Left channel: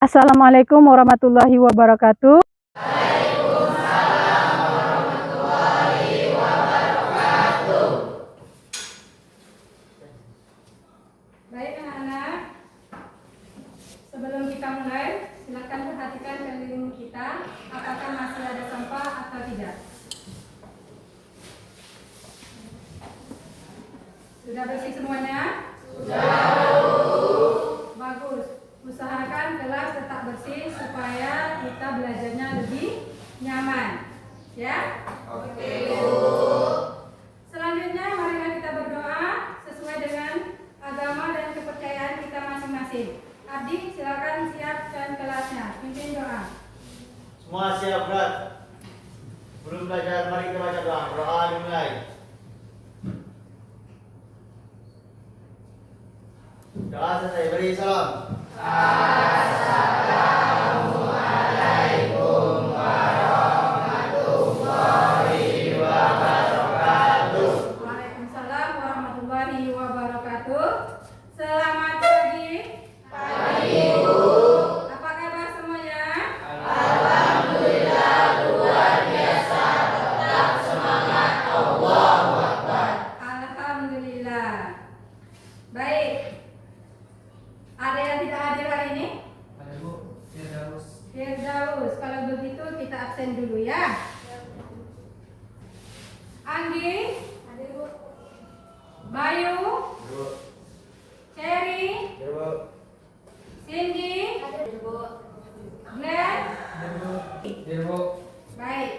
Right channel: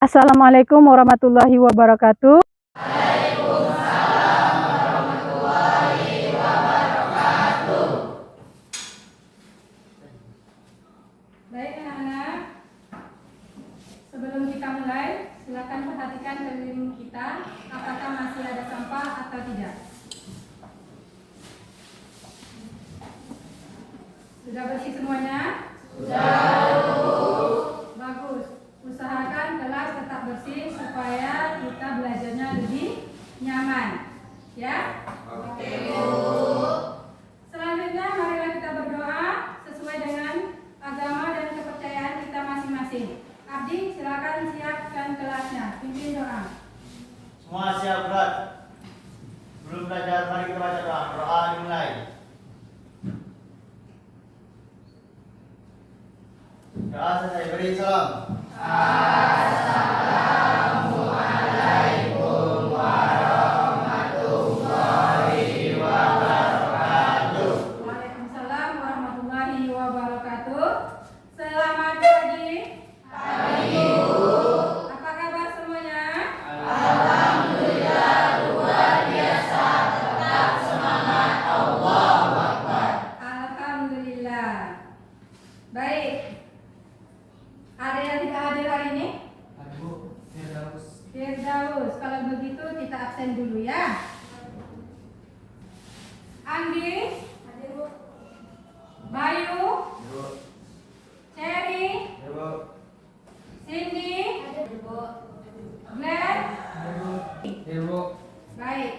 Assalamualaikum warahmatullahi wabarakatuh. Baik anak-anak, sebelum kita mulai, silakan perhatikan sekeliling kita, apakah masih ada sampah atau tidak. Sudah bersih semuanya? Bagus. Usahakan kelas tetap bersih supaya kita belajarnya lebih nyaman. Ya? Oke, Bu. Selanjutnya marilah kita berdoa sesuai dengan agama dan kepercayaan kita masing-masing. Abdi, silakan siapkan kelasnya. Pimpin doa. Semua siap berat. Belum belajar, mari kita baca doa. Doa dimulai. Doa selesai, beri salam. Assalamualaikum warahmatullahi wabarakatuh. Waalaikumsalam warahmatullahi wabarakatuh. Selamat pagi. Pagi, Bu. Apa kabar semuanya? Alhamdulillah luar biasa. Tetap semangat. Allahu Akbar. Alhamdulillah. Baik. Ada yang tidak hadir hari ini? Ada, Bu. Firdaus. Firdaus. Kalau begitu kita absen dulu ya. Anggi? Ada, Bu. Bayu? Ibu. Cherry? Ibu. Cindy? Ada, Bu. Glenn? Ibu. Baik.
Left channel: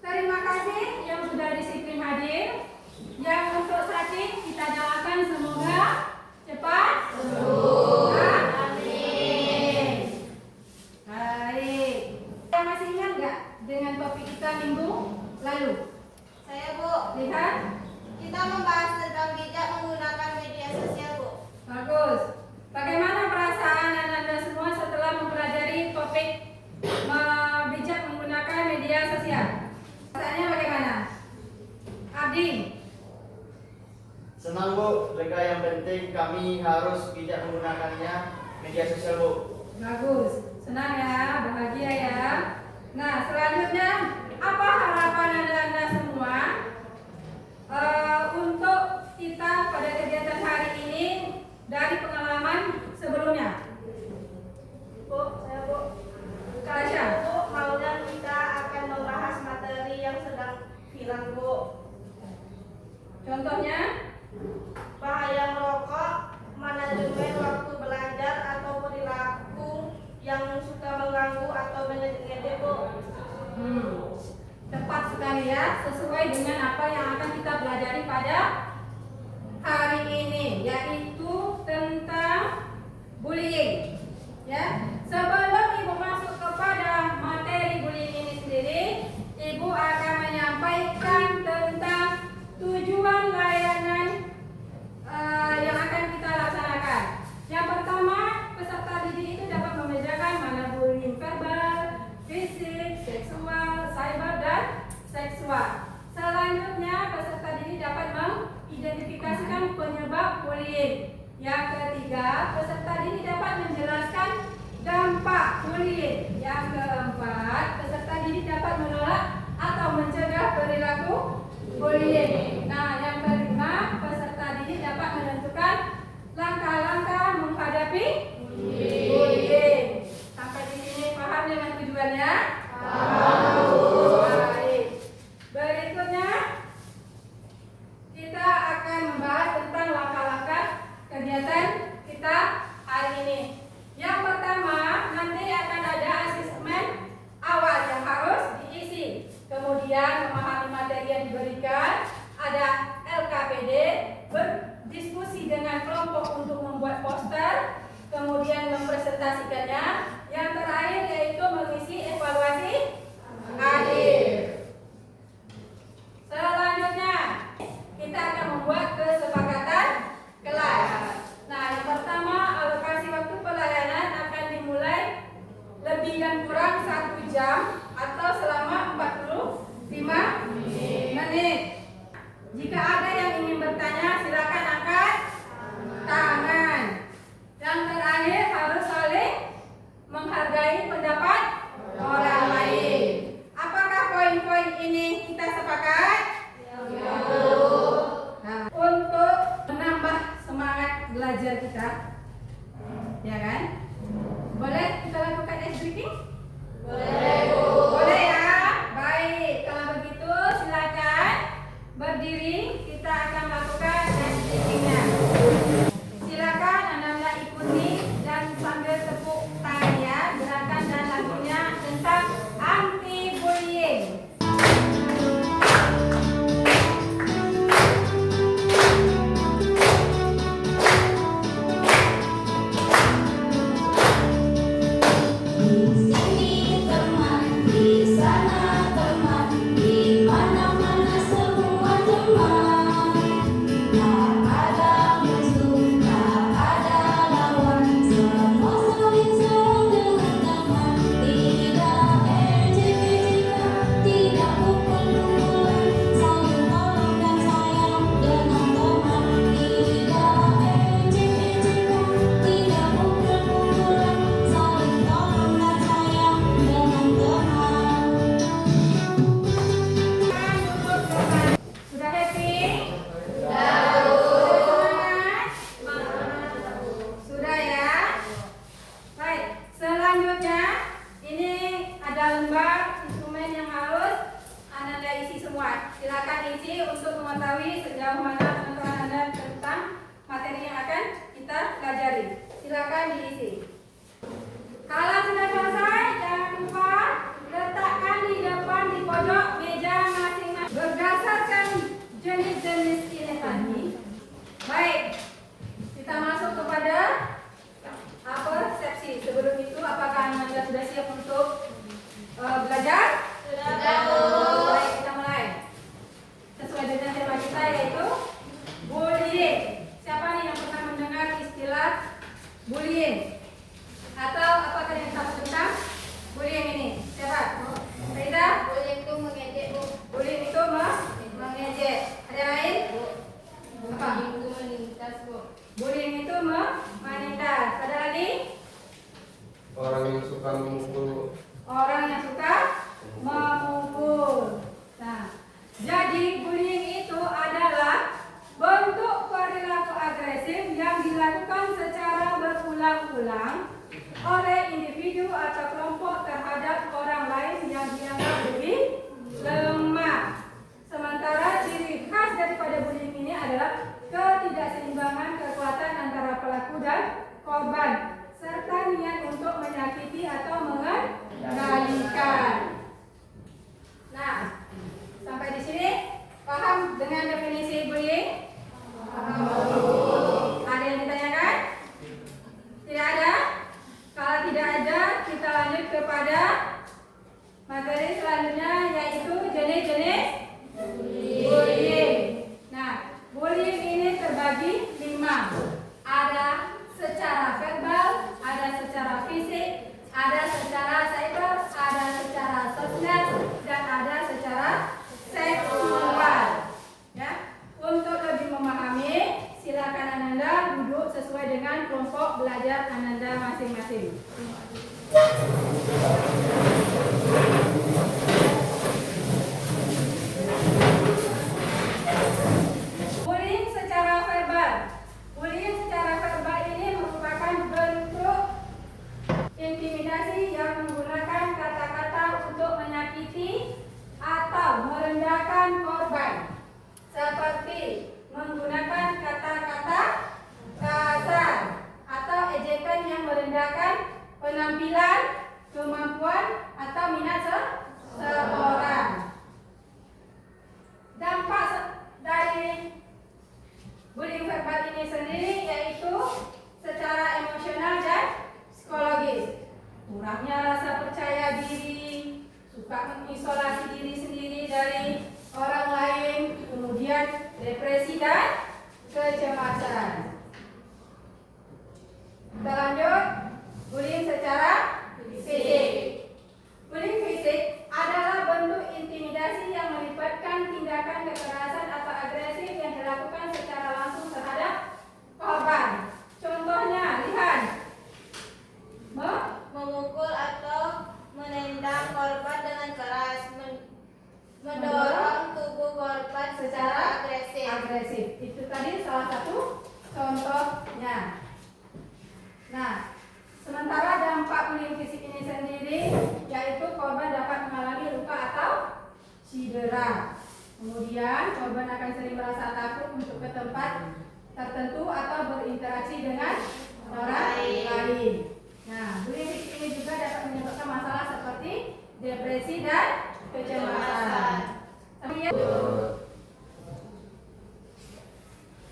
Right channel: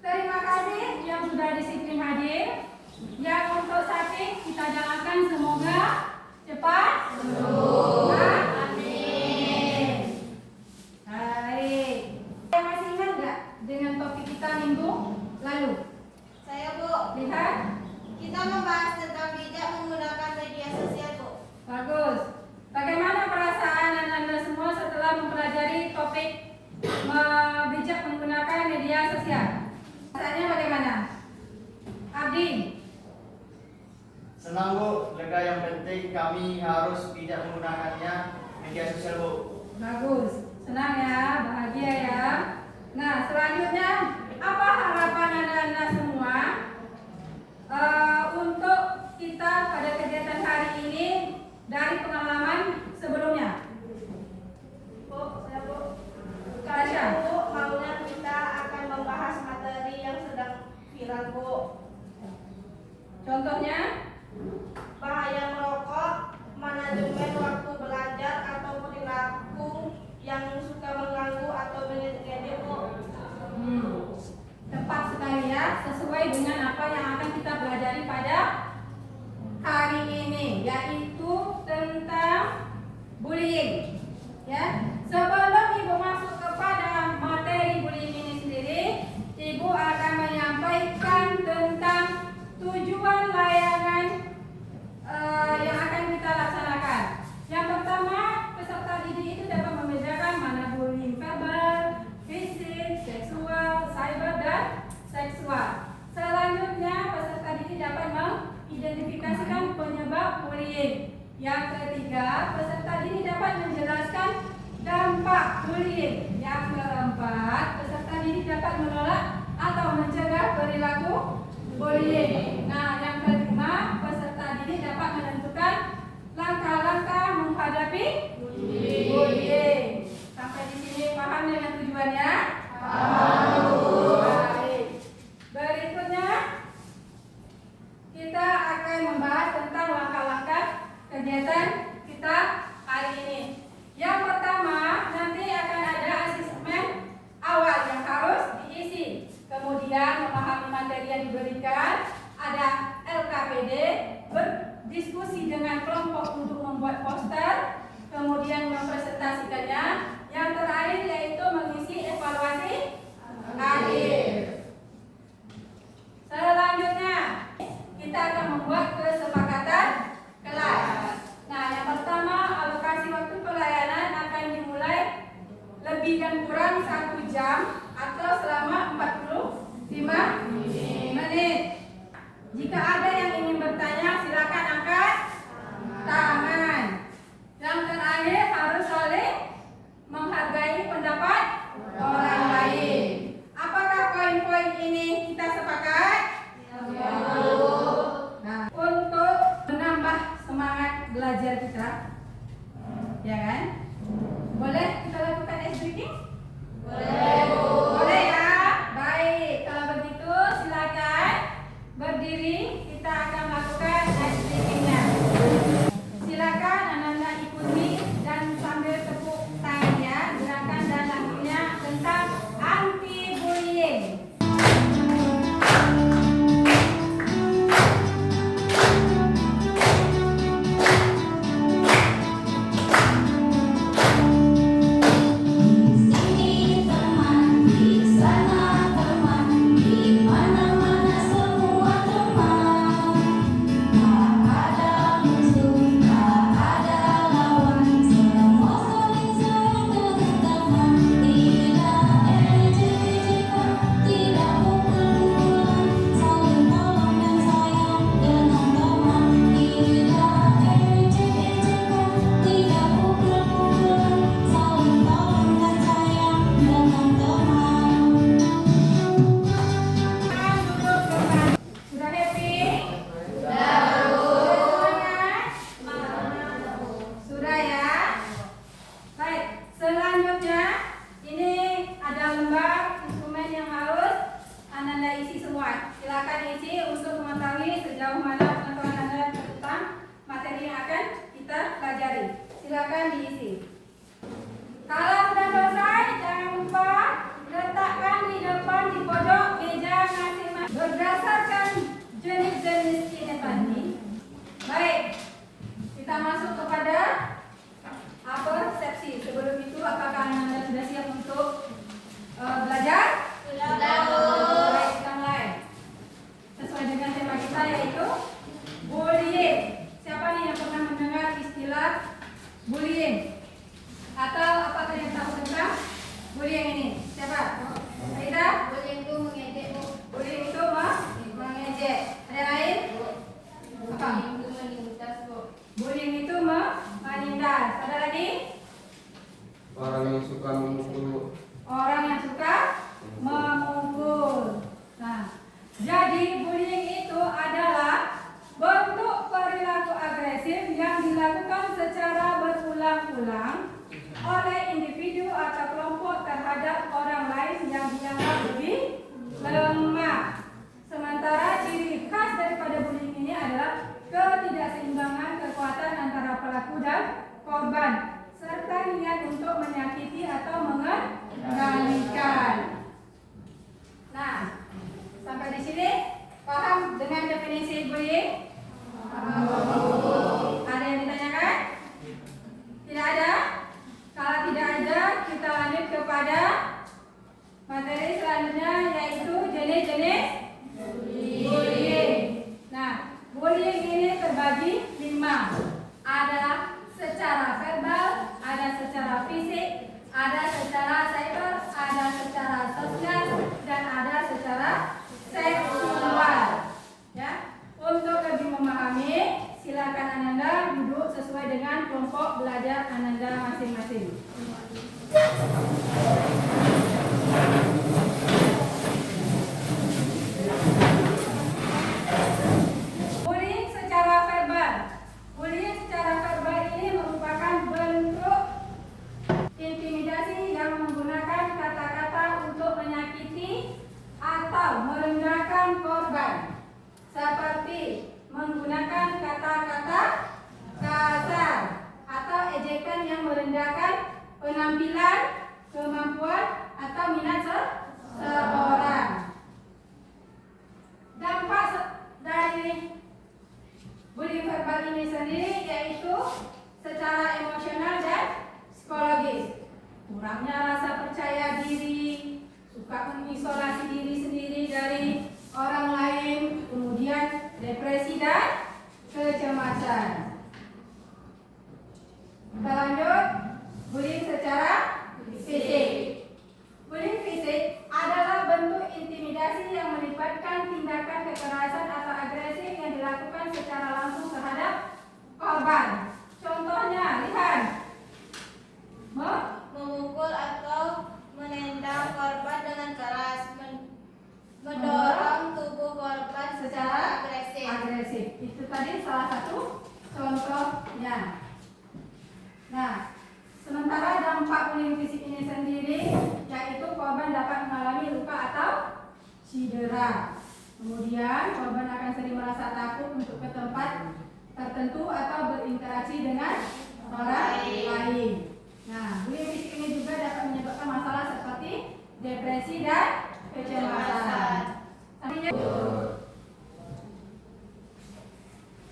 Terima kasih yang sudah disiplin hadir. Yang untuk sakit kita doakan semoga cepat sembuh. Amin. Baik. Yang masih ingat nggak dengan topik kita minggu lalu? Saya, Bu. Lihat. Kita membahas tentang bijak menggunakan media sosial, Bu. Bagus. Bagaimana perasaan Anda semua setelah mempelajari topik bijak menggunakan media sosial? Perasaannya bagaimana? Abdi? Senang, Bu, lega. Yang penting kami harus bijak menggunakannya media sosial, Bu. Bagus. Senang ya, bahagia ya. Nah, selanjutnya apa harapan Anda semua untuk kita pada kegiatan hari ini dari pengalaman sebelumnya? Bu, saya, Bu. Tasya. Bu, maunya kita akan membahas materi yang sedang viral, Bu. Contohnya? Bahaya merokok, manajemen waktu belajar atau perilaku yang suka mengganggu atau menyedihkan, Bu. Tepat sekali ya, sesuai dengan apa yang akan kita pelajari pada hari ini, yaitu tentang bullying. Ya, sebelum Ibu masuk kepada materi bullying ini sendiri, Ibu akan menyampaikan tentang tujuan layanan yang akan kita laksanakan. Yang pertama, peserta didik itu dapat membedakan mana bullying verbal, fisik, seksual, cyber, dan seksual. Selanjutnya, peserta didik dapat mengidentifikasikan penyebab bullying. Yang ketiga, peserta didik dapat menjelaskan dampak bullying. Yang keempat, peserta didik dapat menolak atau mencegah perilaku bullying. Nah, yang kelima, peserta didik dapat menentukan langkah-langkah menghadapi bullying. Sampai di sini paham dengan tujuannya? Baik. Berikutnya kita akan membahas tentang langkah-langkah kegiatan kita hari ini. Yang pertama, nanti akan ada asesmen awal yang harus diisi. Kemudian memahami materi yang diberikan, ada LKPD, berdiskusi dengan kelompok untuk membuat poster, kemudian mempresentasikannya. Yang terakhir yaitu mengisi evaluasi akhir. Selanjutnya kita akan membuat kesepakatan kelas. Nah, yang pertama, alokasi waktu pelayanan akan dimulai lebih dan kurang 1 jam atau selama 45 menit. Jika ada yang ingin bertanya, silakan angkat tangan. Yang terakhir harus saling menghargai pendapat orang lain. Apakah poin-poin ini kita sepakat? Nah, untuk menambah semangat belajar kita, ya kan? Boleh kita lakukan ice breaking? Boleh ya? Baik, kalau begitu silakan berdiri, kita akan lakukan ice breaking-nya. Silakan anak-anak ikuti dan sambil tepuk tangannya, gerakan dan lagunya tentang anti bullying. Sini teman, di sana teman, di mana-mana semua teman. Tak ada musuh, tak ada lawan, semua saling sayang dengan teman. Tidak ejek-ejekan, tidak pukul-pukulan, saling tolong dan sayang dengan teman. Tidak ejek-ejekan, tidak pukul-pukulan, saling tolong dan sayang dengan teman. Sudah happy? Sudah ya? Baik, selanjutnya ini ada lembar instrumen yang harus Anda isi semua. Silakan isi untuk mengetahui sejauh mana pengetahuan Anda tentang materi yang akan kita pelajari. Silakan diisi. Kalau sudah selesai, jangan lupa letakkan di depan di pojok meja masing-masing. Berdasarkan jenis-jenis ini tadi, baik, kita masuk kepada persepsi. Sebelum itu, apakah Anda sudah siap untuk belajar? Baik, kita mulai. Sesuai dengan tema kita yaitu bullying. Siapa nih yang pernah mendengar istilah bullying? Atau apakah yang tahu tentang bullying ini? Siapa? Aida? Bullying itu mengejek, Bu. Bullying itu mengejek. Ada lain? Apa? Bullying itu menindas, Bu. Bullying itu menindas. Ada lagi? Orang yang suka memukul. Orang yang suka memukul. Nah, jadi bullying itu adalah bentuk perilaku agresif yang dilakukan secara berulang-ulang oleh individu atau kelompok terhadap orang lain yang dianggap lebih lemah. Sementara ciri khas daripada bullying ini adalah ketidakseimbangan kekuatan antara pelaku dan korban, serta niat untuk menyakiti atau mengendalikan. Nah, sampai di sini paham dengan definisi bullying? Ada yang ditanyakan? Tidak ada? Kalau tidak ada, kita lanjut kepada materi selanjutnya yaitu jenis-jenis bullying. Nah, bullying ini terbagi 5. Ada secara verbal, ada secara fisik, ada secara cyber, ada secara sosial, dan ada secara seksual. Ya, untuk lebih memahami, silakan Ananda duduk sesuai dengan kelompok belajar Ananda masing-masing. Bullying secara verbal. Bullying secara verbal ini merupakan bentuk intimidasi yang menggunakan kata-kata untuk menyakiti atau merendahkan korban, seperti menggunakan kata-kata kasar atau ejekan yang merendahkan penampilan, kemampuan, atau minat seseorang. Dampak dari bullying verbal ini sendiri yaitu secara emosional dan psikologis. Kurangnya rasa percaya diri, suka mengisolasi diri sendiri dari orang lain, kemudian depresi dan kecemasan. Kita lanjut, bullying secara fisik. Bullying fisik adalah bentuk intimidasi yang melibatkan tindakan kekerasan atau agresif yang dilakukan secara langsung terhadap korban. Contohnya, lihat, memukul atau menendang korban dengan keras, mendorong tubuh korban secara agresif. Itu tadi salah satu contohnya. Nah, sementara dampak bullying fisik ini sendiri yaitu korban dapat mengalami luka atau cedera. Kemudian korban akan sering merasa takut untuk ke tempat tertentu atau berinteraksi dengan orang lain. Nah, bullying fisik ini juga dapat menyebabkan masalah seperti depresi dan kecemasan.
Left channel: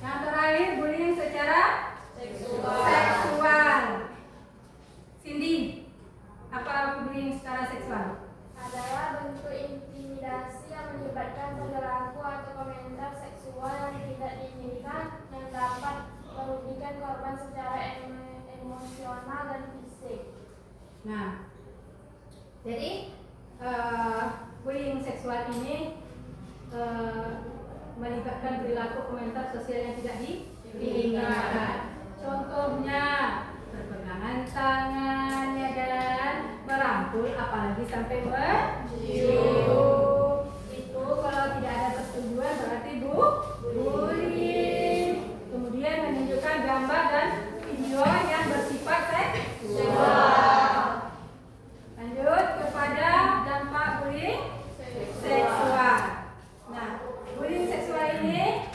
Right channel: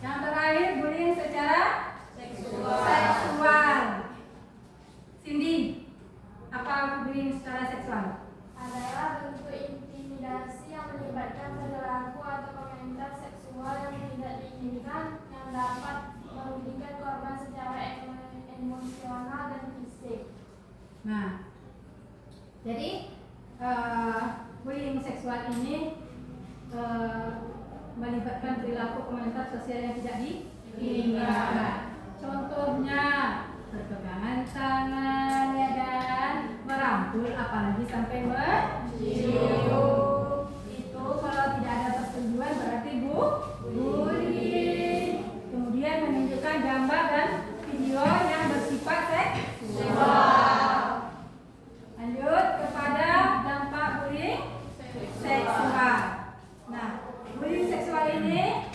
Yang terakhir, bullying secara seksual. Cindy, apa bullying secara seksual? Adalah bentuk intimidasi yang melibatkan perilaku atau komentar seksual yang tidak diinginkan yang dapat merugikan korban secara emosional dan fisik. Nah, jadi bullying seksual ini melibatkan perilaku komentar sosial yang tidak diinginkan. Contohnya berpegangan tangan ya dan merangkul, apalagi sampai mencium. Itu kalau tidak ada persetujuan berarti bullying. Kemudian menunjukkan gambar dan video yang bersifat seksual. Lanjut kepada dampak bullying seksual. Nah, bullying seksual ini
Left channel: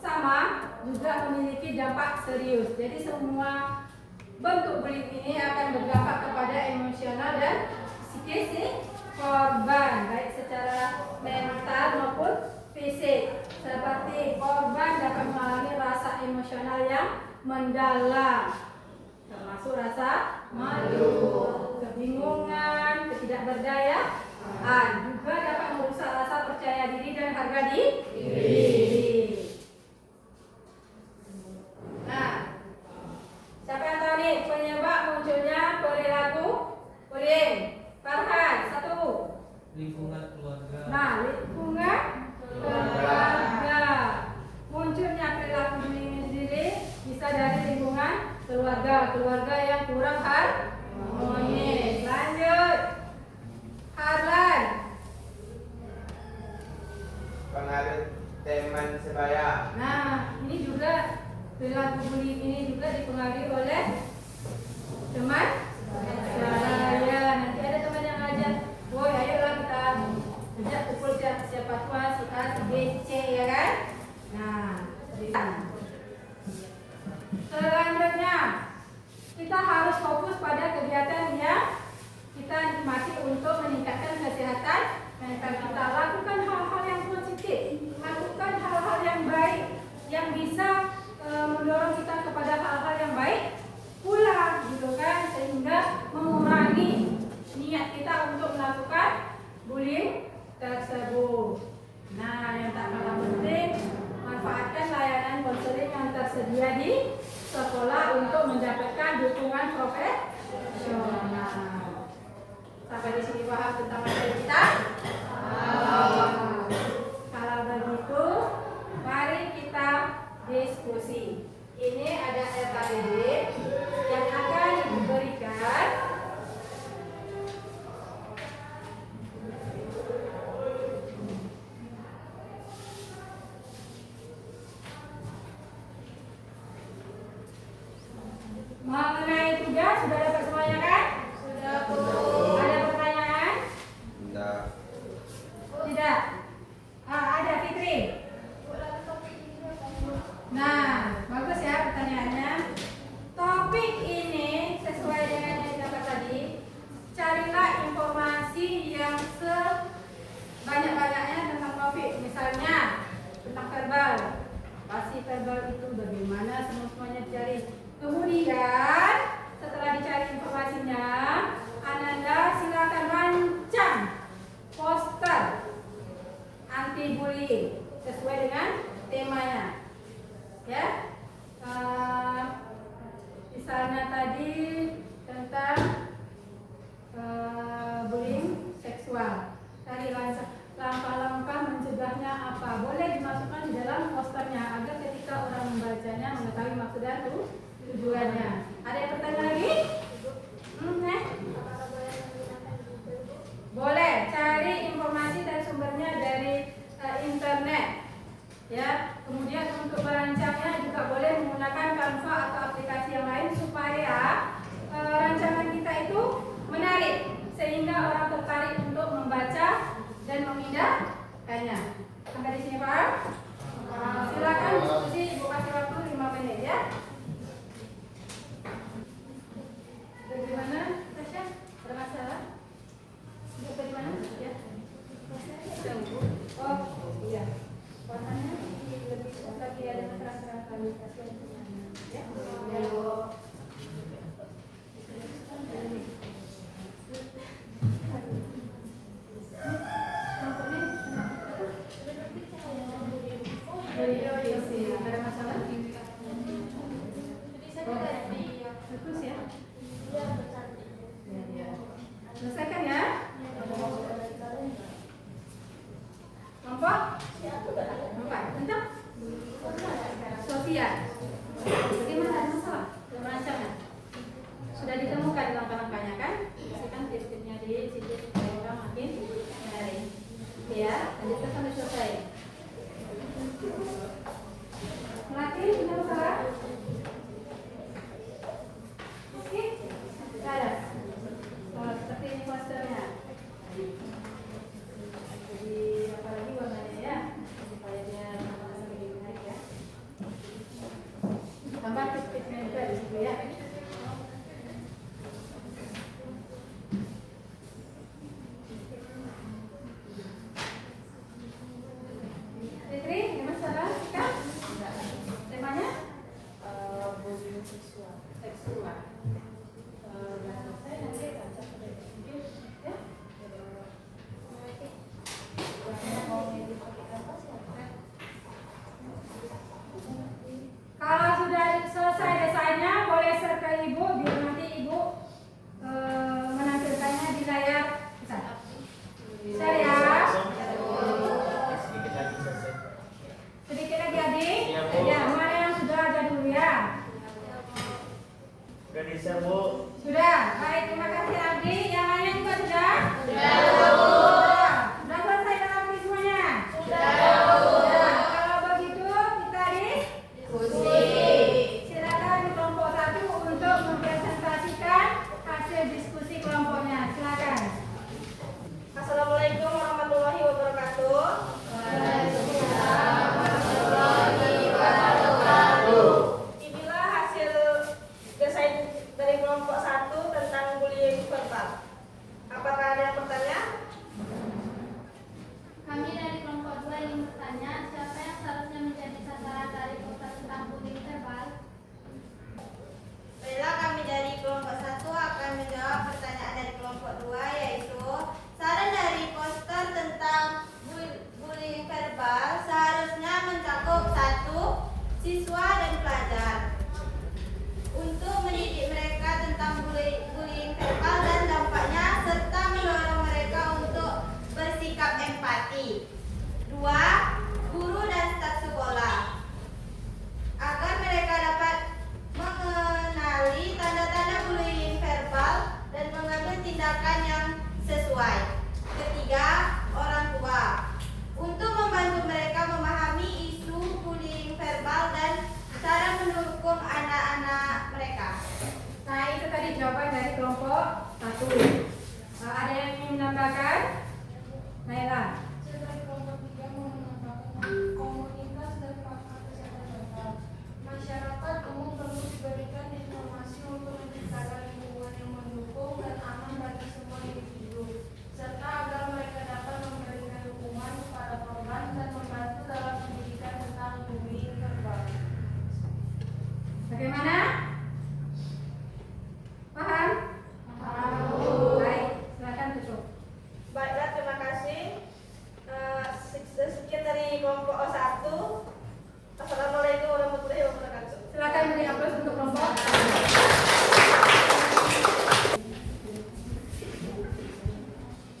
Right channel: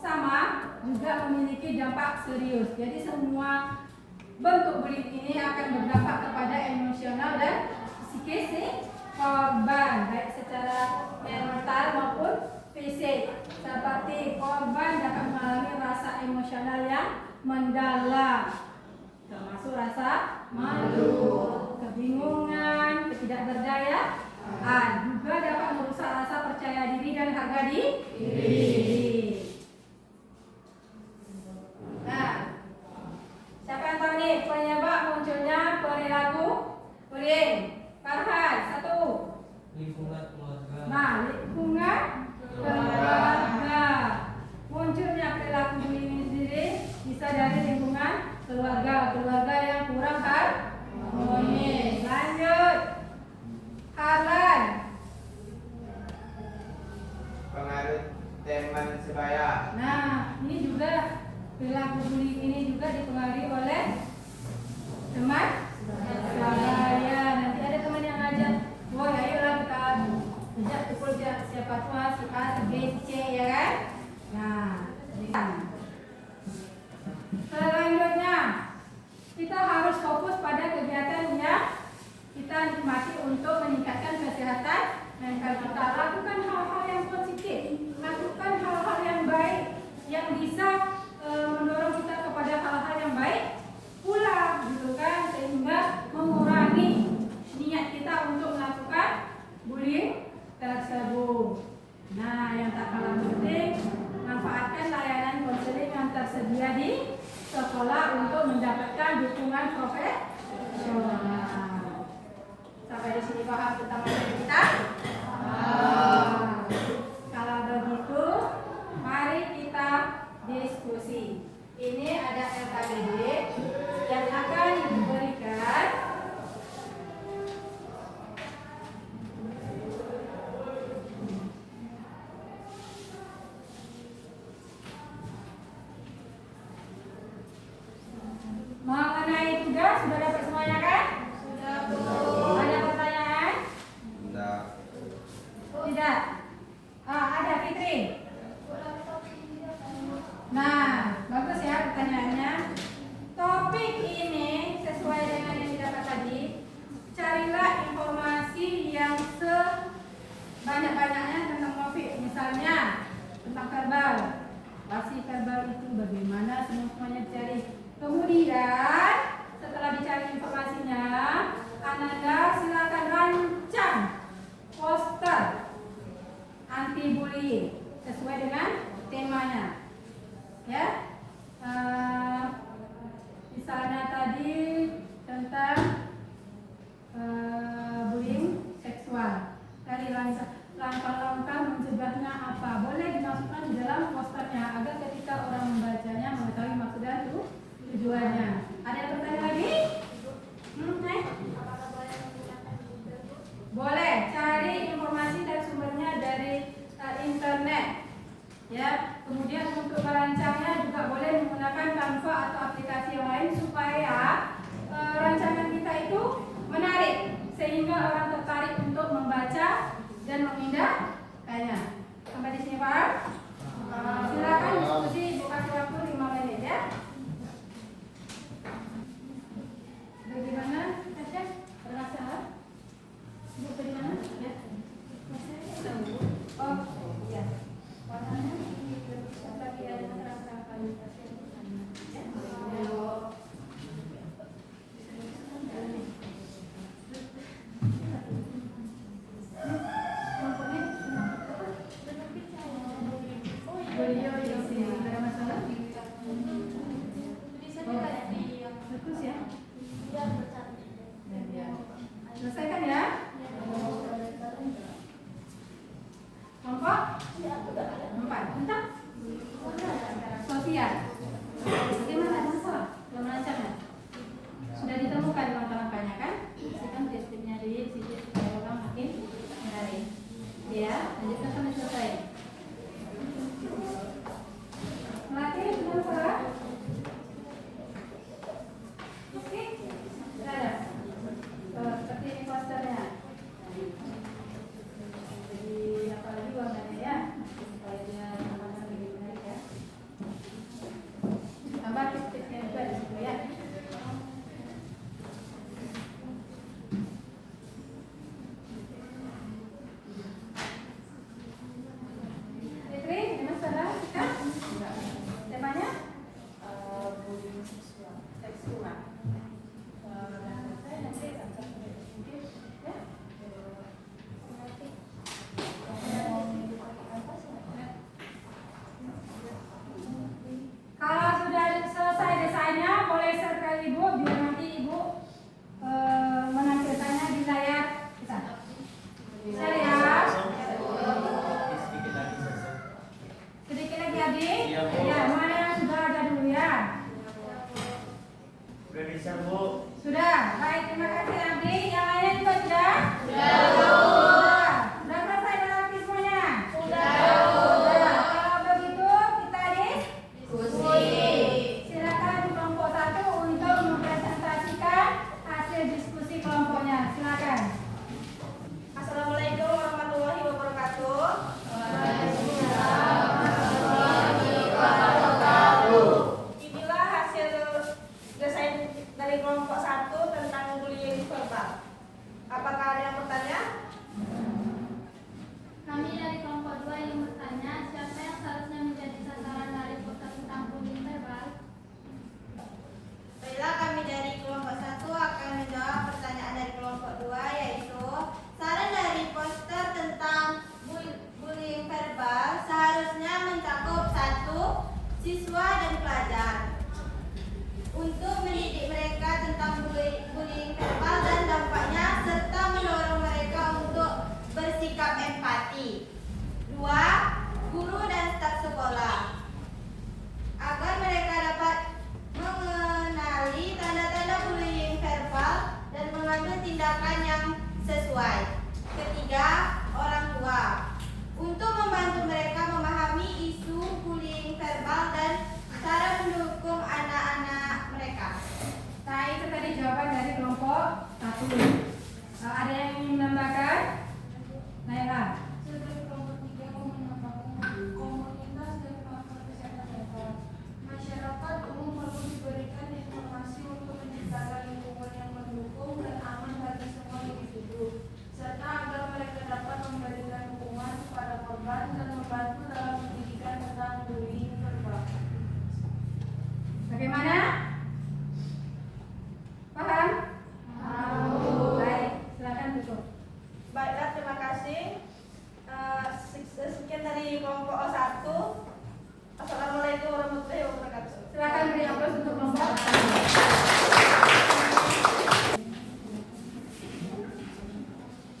sama juga memiliki dampak serius. Jadi semua bentuk bullying ini akan berdampak kepada emosional dan psikis si korban, baik secara mental maupun fisik. Seperti korban dapat mengalami rasa emosional yang mendalam, termasuk rasa malu, kebingungan, ketidakberdayaan, juga dapat merusak rasa percaya diri dan harga diri. Nah, siapa yang tahu nih penyebab munculnya perilaku bullying? Farhan, satu. Lingkungan keluarga. Nah, lingkungan keluarga. Munculnya perilaku bullying ini sendiri bisa dari lingkungan keluarga yang kurang harmonis. Lanjut, Harlan. Pengaruh teman sebaya. Nah, ini juga perilaku bullying ini juga dipengaruhi oleh teman saya. Nanti ada teman yang ngajak, woi ayolah kita ajak pukul siapa tua suka C ya kan? Nah, selanjutnya kita harus fokus pada kegiatan yang kita nikmati untuk meningkatkan kesehatan mental kita. Lakukan hal-hal yang positif, lakukan hal-hal yang baik yang bisa mendorong kita kepada hal-hal yang baik pula, gitu kan, sehingga mengurangi niat kita untuk melakukan bullying tersebut. Nah, yang tak kalah penting, manfaatkan layanan konseling yang tersedia di sekolah untuk mendapatkan dukungan profesional. Sampai di sini paham tentang materi kita? Kalau begitu, mari kita diskusi. Ini ada RKBD yang akan diberikan mengenai tugas. Sudah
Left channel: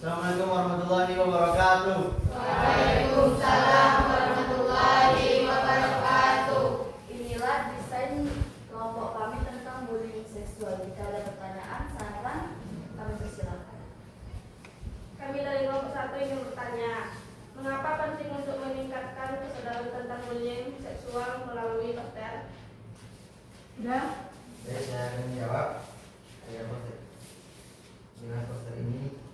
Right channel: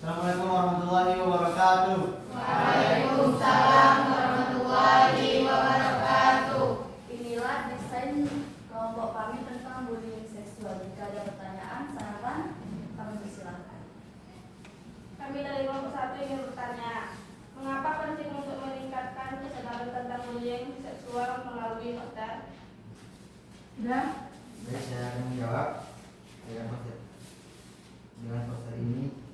Assalamualaikum warahmatullahi wabarakatuh. Waalaikumsalam warahmatullahi wabarakatuh. Inilah desain kelompok kami tentang bullying seksual. Jika ada pertanyaan, saran, kami persilakan. Kami dari kelompok 1 ingin bertanya, mengapa penting untuk meningkatkan kesadaran tentang bullying seksual melalui dokter? Sudah? Baik, saya akan menjawab. Dengan poster ini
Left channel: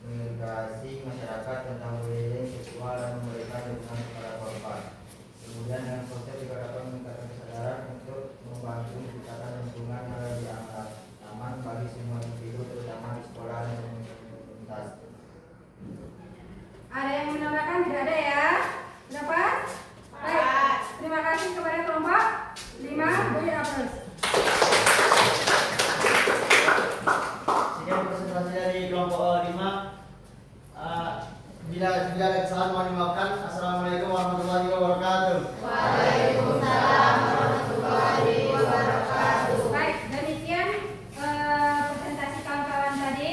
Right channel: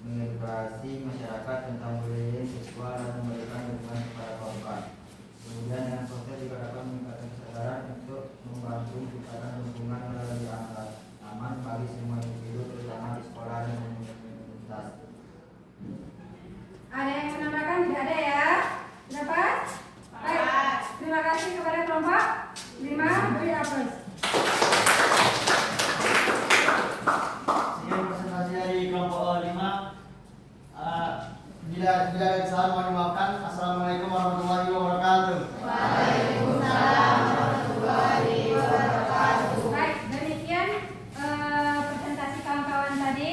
mengedukasi masyarakat tentang bullying seksual dan memberikan dukungan kepada korban. Kemudian dengan poster juga dapat meningkatkan kesadaran untuk membantu menciptakan lingkungan yang lebih aman bagi semua individu, terutama di sekolah dan komunitas. Ada yang menambahkan? Tidak ada ya? Dapat? Baik. Terima kasih kepada kelompok 5. Beri aplaus. Sekian presentasi dari kelompok 5. Bila ada kesalahan mohon dimaafkan. Assalamualaikum warahmatullahi wabarakatuh. Waalaikumsalam warahmatullahi wabarakatuh. Baik, demikian presentasi kawan-kawan tadi.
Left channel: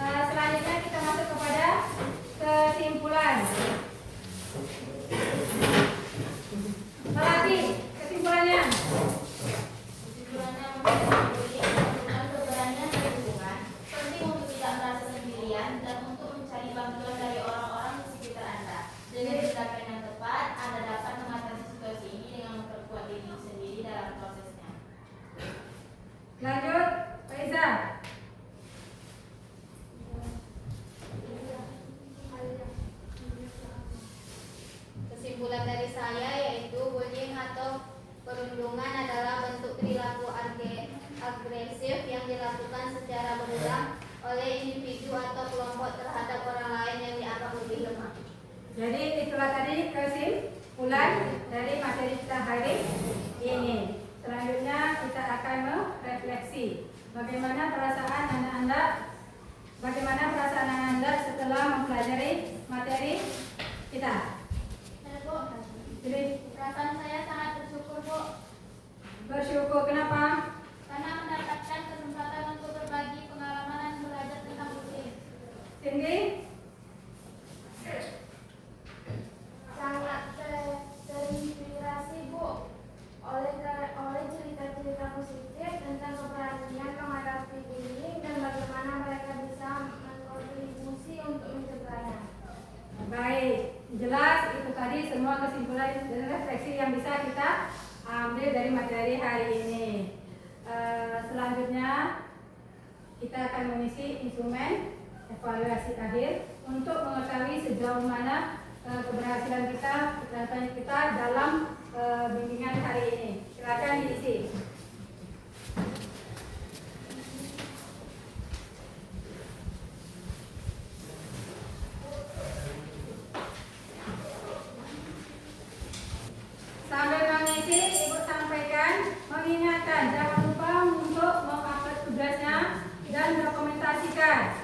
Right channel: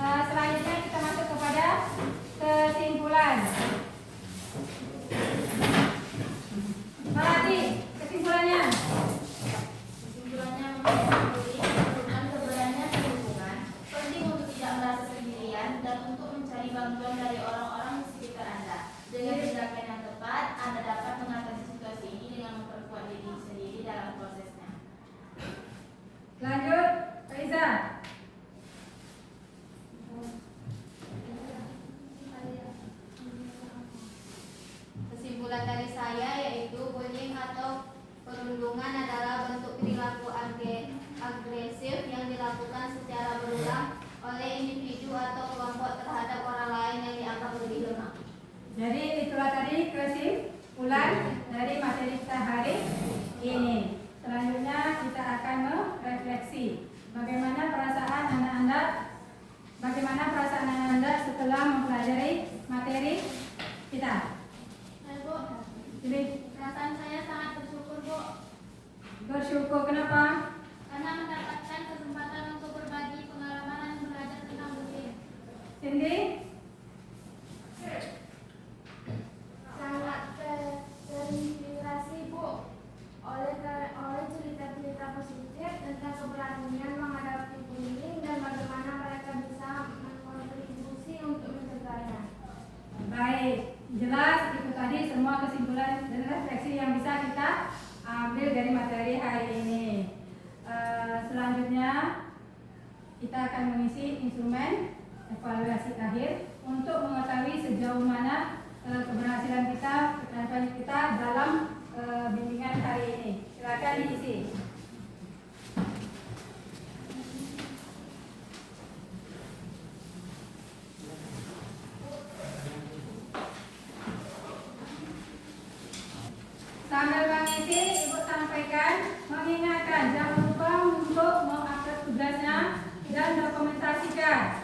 Selanjutnya kita masuk kepada kesimpulan. Malati, kesimpulannya. Kesimpulannya, mengenai bullying memerlukan keberanian dan dukungan, penting untuk tidak merasa sendirian dan untuk mencari bantuan dari orang-orang di sekitar Anda. Dengan tindakan yang tepat, Anda dapat mengatasi situasi ini dengan memperkuat diri sendiri dalam prosesnya. Lanjut, Pak Iza. Kesimpulan dari saya yaitu bullying atau perundungan adalah bentuk perilaku agresif yang dilakukan secara berulang oleh individu atau kelompok terhadap orang lain yang dianggap lebih lemah. Jadi itulah tadi kesimpulan dari materi kita hari ini. Selanjutnya kita akan merefleksi bagaimana perasaan Anda setelah mempelajari materi kita. Bu, Jadi perasaan saya sangat bersyukur, Bu, bersyukur kenapa? karena mendapatkan kesempatan untuk berbagi pengalaman dan belajar tentang bullying. Cindy? Sangat terinspirasi, Bu, oleh cerita-cerita positif tentang keberanian menghadapi bullying dan bagaimana mereka bisa berkontribusi untuk mencegahnya. Baik, jelas itu tadi semua kesimpulan dan refleksi yang bisa kita ambil dari materi hari ini. Selanjutnya kita akan mengisi instrumen evaluasi akhir untuk mengetahui sejauh mana keberhasilan kita dalam bimbingan hari ini. Silakan diisi. Sambil mengisi, Ibu sampaikan, mengingatkan jangan lupa untuk mengupload tugasnya dan dokumentasikan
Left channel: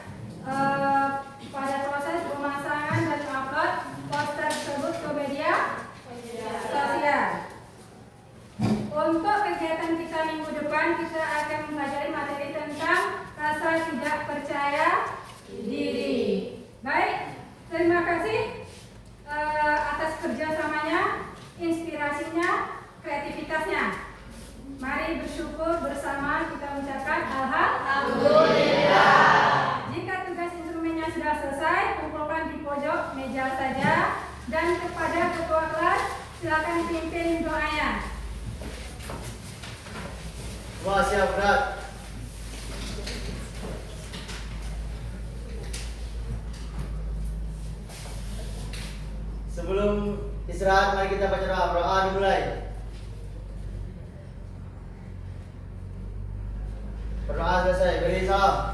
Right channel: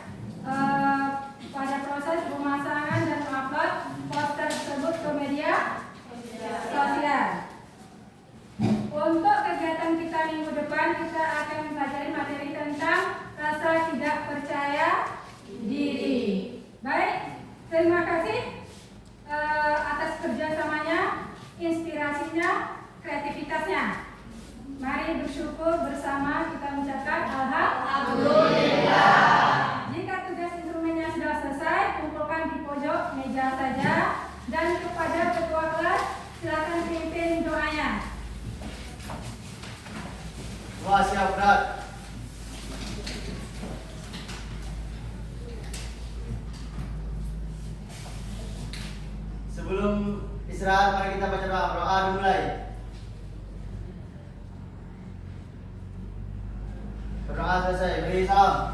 pada proses pemasangan dan upload poster tersebut ke media sosial. Untuk kegiatan kita minggu depan, kita akan mempelajari materi tentang rasa tidak percaya diri. Baik, terima kasih atas kerjasamanya, inspirasinya, kreativitasnya. Mari bersyukur bersama kita mengucapkan alhamdulillah. Jika tugas instrumennya sudah selesai, kumpulkan di pojok meja saja. Dan kepada ketua kelas, silakan pimpin doanya. Wah, siap berat. Sebelum istirahat, mari kita baca doa dimulai. Berdoa selesai, beri salam.